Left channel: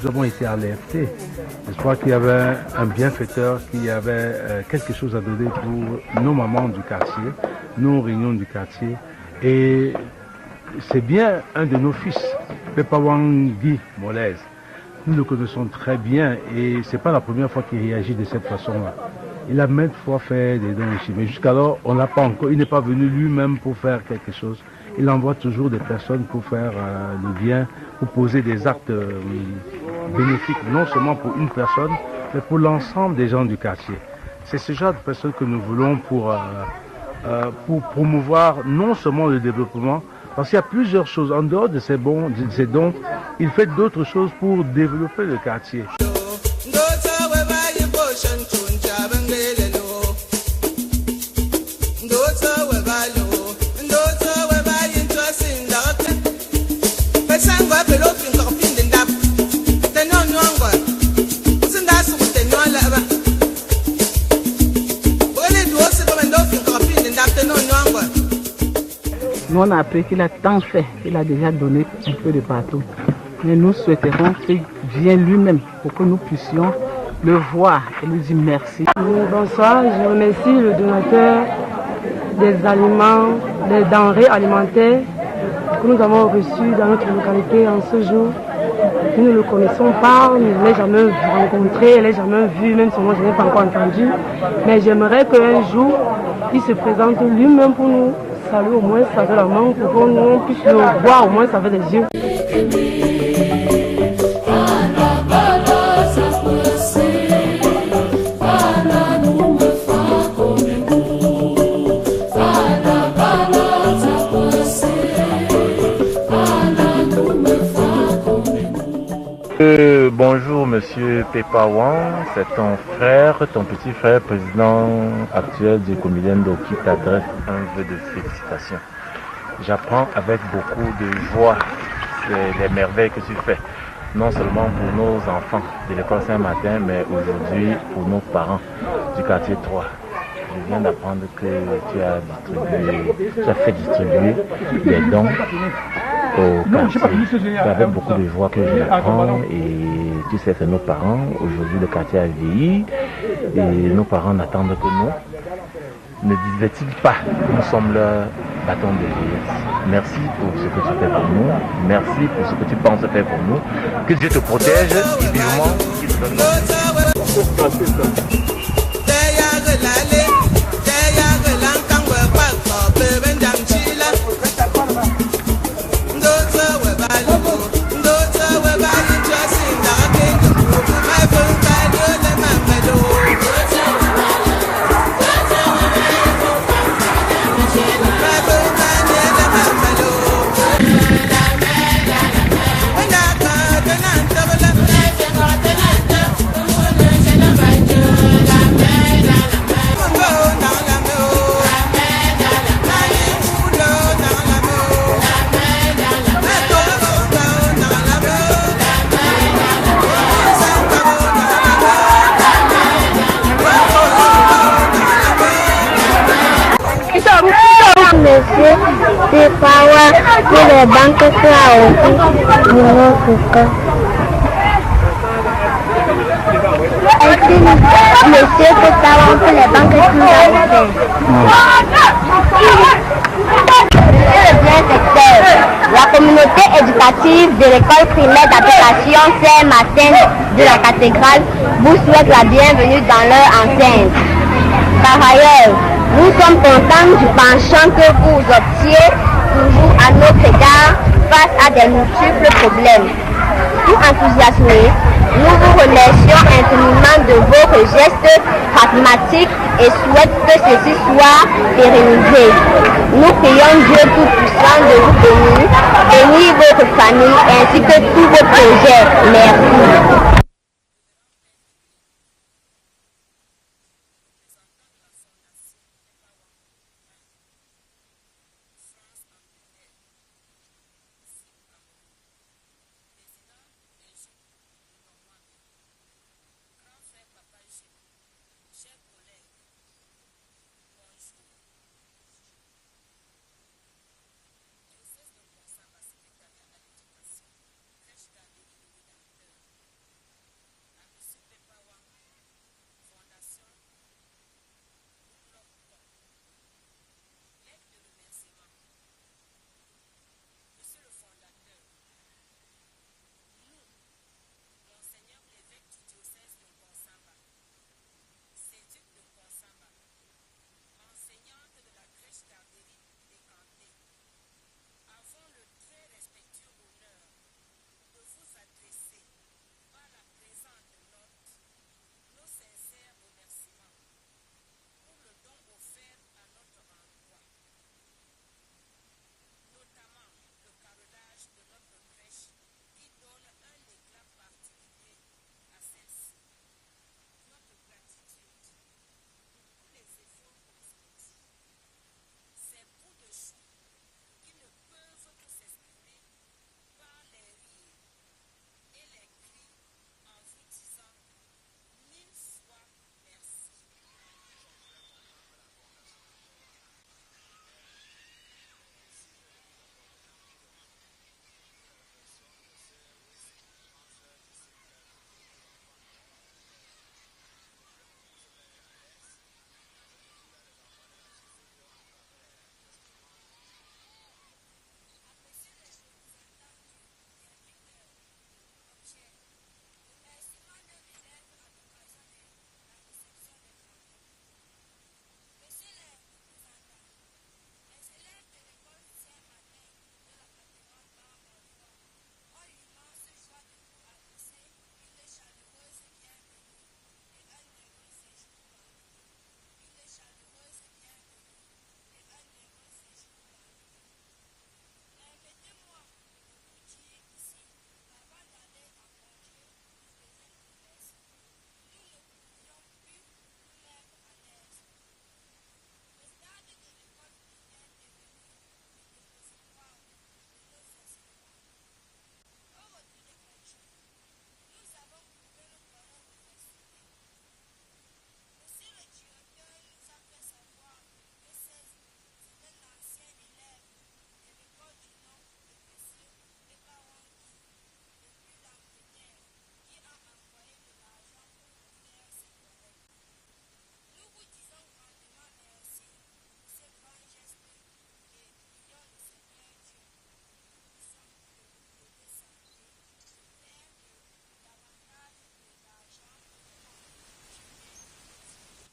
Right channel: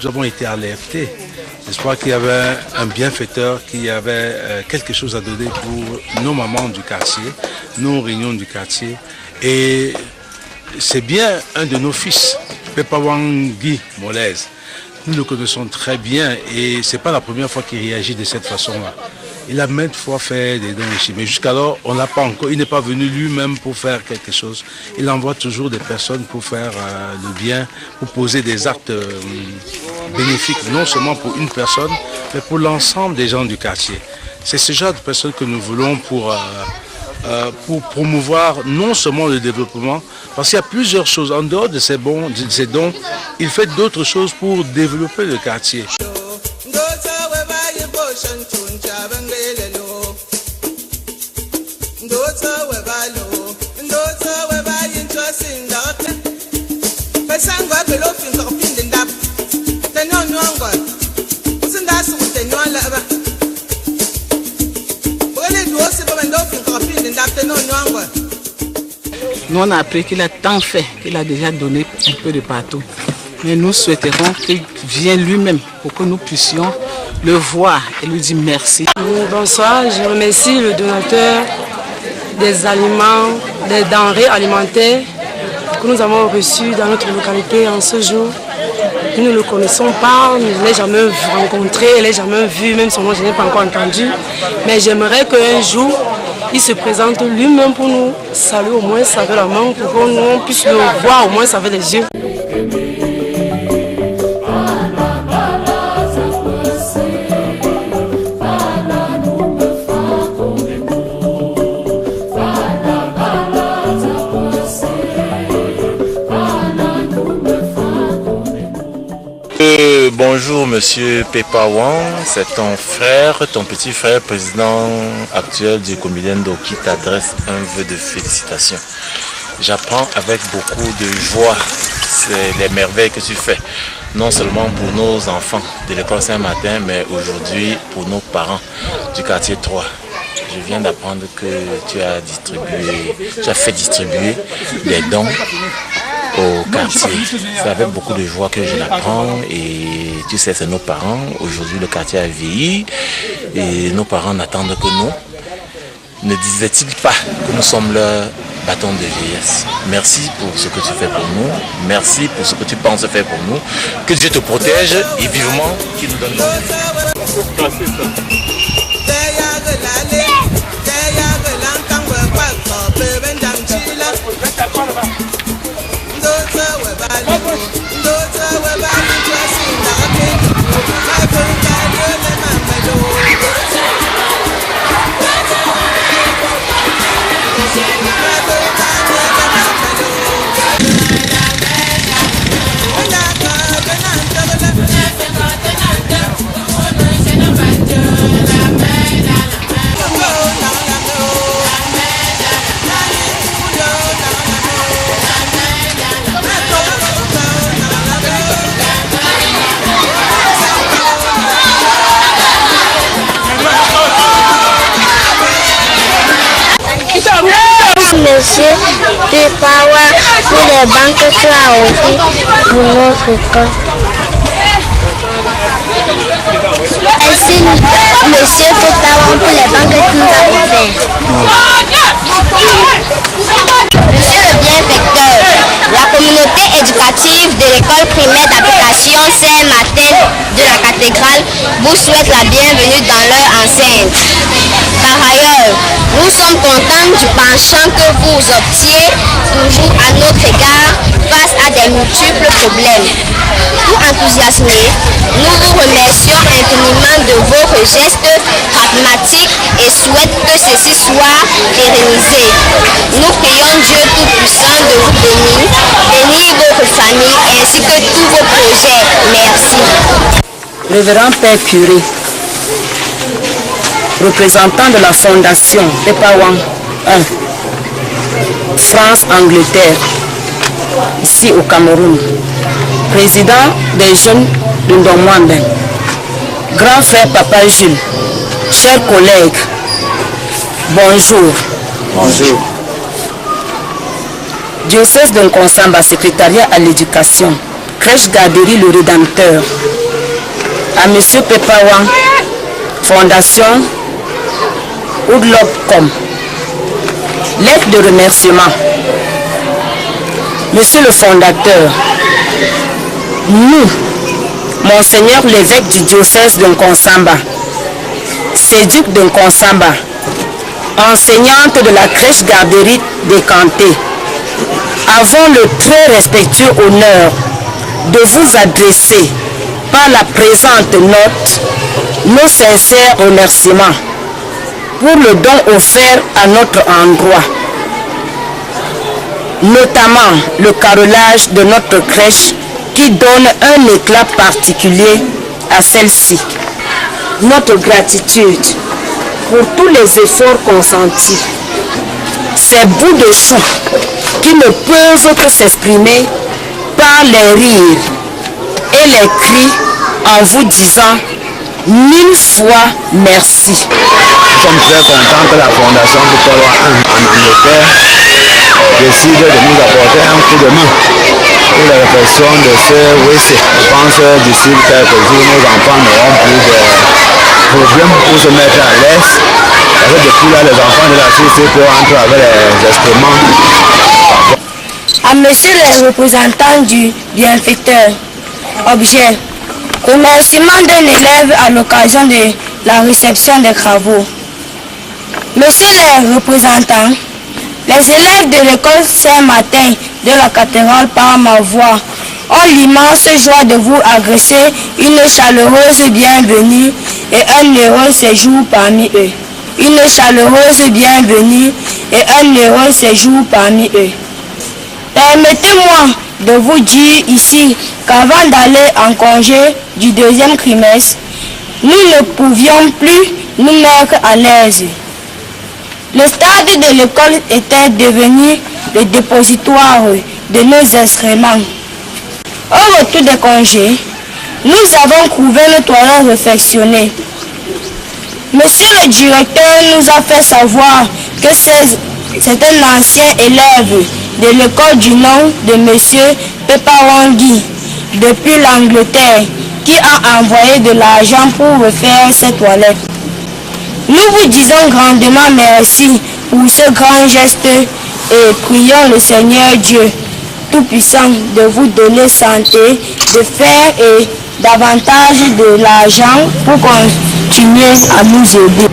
Nous avons été alertés. J'espère qu'il y avait un bienfaiteur, qu'il y avait quelque chose à donner pour nos mamans du quartier, nos réunions du quartier. Et c'est bien un de nos fils, Pepawang Guy Molèze. Nous le connaissons très bien et ce n'est pas la première fois qu'il réagit de cette façon-là. Il a maintes fois fait des dons ici, mais jusqu'alors, on n'a pas encore. Il n'est pas venu lui-même pour faire quelque chose. Il envoie toujours des personnes pour faire le bien, pour poser des actes bénéfiques, non seulement pour une personne, mais pour l'ensemble des gens du quartier. C'est ce genre de personnes que nous voulons pour promouvoir non seulement le développement, parce qu'il y a plusieurs choses. En dehors de ces dons, il fait d'autres choses pour développer le quartier. Nous, on a appris qu'il a tant fait, qu'il a déjà donné un peu de partout. Mais nous souhaiterons qu'il vienne lui-même pour que nous puissions le voir et lui dire merci. Bonsoir, je remercie le donateur des aliments, des denrées alimentaires que nous avons reçus dans notre localité en ce jour. Nous ne le connaissons pas, nous ne l'ai jamais rencontré, je ne l'ai jamais vu, même son nom je n'ai pas encore entendu. Mais j'aimerais qu'un jour, il se présente lui-même pour nous saluer au moins avec la main, pour que nous puissions le voir au moins avec les yeux. Bonjour Monsieur Pepawang, c'est ton frère, ton petit frère, président actuel du Comilendo qui t'adresse un vœu de félicitations. J'apprends avec beaucoup de joie les merveilles que tu fais, non seulement pour nos enfants de l'école Saint-Martin, mais aujourd'hui pour nos parents du quartier 3. Je viens d'apprendre que tu as fait distribuer des dons au quartier. C'est avec beaucoup de joie que je l'apprends et tu sais, c'est nos parents. Aujourd'hui, le quartier a vieilli et nos parents n'attendent que nous. Ne disaient-ils pas que nous sommes leur bâton de vieillesse? Merci pour ce que tu fais pour nous. Merci pour ce que tu penses faire pour nous. Que Dieu te protège et vivement qu'il nous donne la vie. Monsieur Pepawang pour les banques soient aussi pour notre école. Ainsi, Monsieur Pepawang pour les banques que nous avons fait. Monsieur le bienfaiteur, la communauté éducative de l'école primaire d'application Saint-Martin de la cathédrale vous souhaite la bienvenue dans leur enceinte. Par ailleurs, nous sommes contents du penchant que vous obtiez toujours à notre égard face à des multiples problèmes. Tout enthousiasmés, nous vous remercions infiniment de vos gestes pragmatiques et souhaitons que ceci soit pérennisé. Nous prions Dieu Tout-Puissant de vous bénir votre famille ainsi que tous vos projets. Merci. Révérend Père Curé, représentant de la Fondation Pepawang 1, France-Angleterre, ici au Cameroun, président des jeunes de Ndomwamben, grand frère Papa Jules, chers collègues, bonjour. Bonjour. Diocèse de Nkonsamba, secrétariat à l'éducation, crèche garderie Le Rédempteur, à M. Pepawan, fondation Oudlopcom. Lettre de remerciement. Monsieur le fondateur, nous, Monseigneur l'évêque du diocèse de Nkonsamba, Séduc de Nkonsamba, enseignante de la crèche garderie des Cantés, avons le très respectueux honneur de vous adresser par la présente note nos sincères remerciements pour le don offert à notre endroit, notamment le carrelage de notre crèche qui donne un éclat particulier à celle-ci. Notre gratitude pour tous les efforts consentis, ces bouts de chou qui ne peuvent que s'exprimer par les rires et les cris en vous disant 1000 fois merci. Nous sommes très contents que la Fondation Pepawan en Angleterre décide de nous apporter un coup de main pour la réflexion de ce WC. Je pense que d'ici quelques jours, nos enfants n'auront plus de problèmes pour se mettre à l'aise. Parce que depuis là, les enfants de la CCP entrent avec les instruments. À monsieur le représentant du bienfaiteur, objet, remerciement d'un élève à l'occasion de la réception des travaux. Monsieur le représentant, les élèves de l'école Saint-Martin de la cathédrale par ma voix ont l'immense joie de vous adresser une chaleureuse bienvenue et un heureux séjour parmi eux. Une chaleureuse bienvenue et un heureux séjour parmi eux. Permettez-moi de vous dire ici qu'avant d'aller en congé du deuxième trimestre, nous ne pouvions plus nous mettre à l'aise. Le stade de l'école était devenu le dépositoire de nos instruments. Au retour des congés, nous avons trouvé nos toilettes réfectionnées. Monsieur le directeur nous a fait savoir que c'est un ancien élève de l'école du nom de monsieur Pepawangi depuis l'Angleterre qui a envoyé de l'argent pour refaire ses toilettes. Nous vous disons grandement merci pour ce grand geste et prions le Seigneur Dieu Tout-Puissant de vous donner santé, de faire et davantage de l'argent pour continuer à nous aider.